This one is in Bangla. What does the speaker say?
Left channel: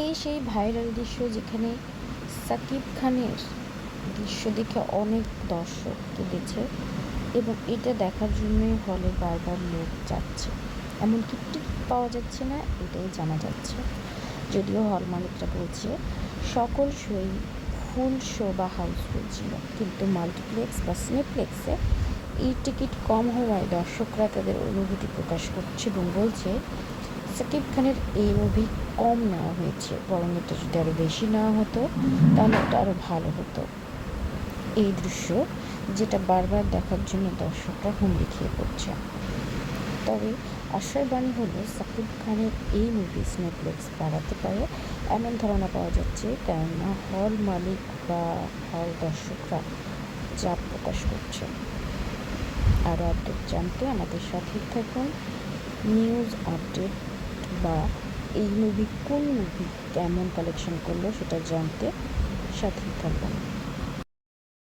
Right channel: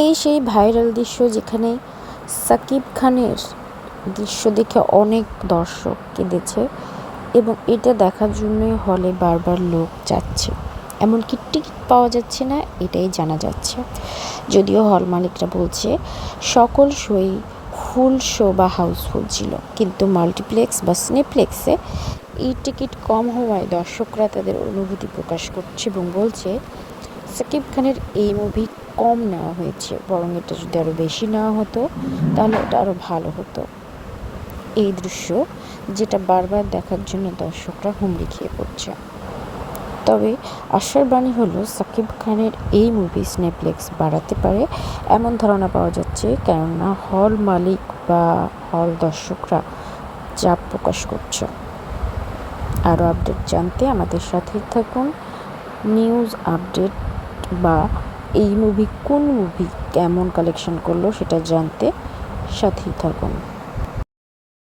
এই সেই ভাইরাল দৃশ্য যেখানে সাকিব খানের দৃশ্য দেখে অনেক দর্শক কেঁদেছে এবং এটা দেখার জন্যই হলে বারবার লোক যাচ্ছে, এমনকি টিকিট পাওয়া যাচ্ছে না এটাই জানা যাচ্ছে। যদিও হল মালিকরা বলছে সকল শোই ফুল শো বা হাউসফুল ছিল, কিন্তু মাল্টিপ্লেক্স বা সিনেপ্লেক্সে এই টিকিট কম হওয়ায় দর্শকরা তাদের অনুভূতি প্রকাশ করছে এবং বলছে সাকিব খানের এই মুভি কম নেওয়া হয়েছে, বরং এটা যদি আরও বেশি নেওয়া হতো তাহলে এটা আরও ভালো হতো। এই দৃশ্য যেটা বারবার দেখার জন্য দর্শকরা হুমড়ি খেয়ে পড়ছে। তবে আশার বাণী হলো সাকিব খানের এই মুভি সিনেপ্লেক্স বাড়াতে পারে এমন ধারণা পাওয়া যাচ্ছে, কেননা হল মালিক বা হল দর্শকরা চাপ প্রকাশ করছে। আরও আপডেট জানতে আমাদের সাথেই থাকুন। নিউজ আপডেট বা এই মুভি কোন মুভি কেমন কালেকশন করলো সেটা জানতে সাথেই থাকুন।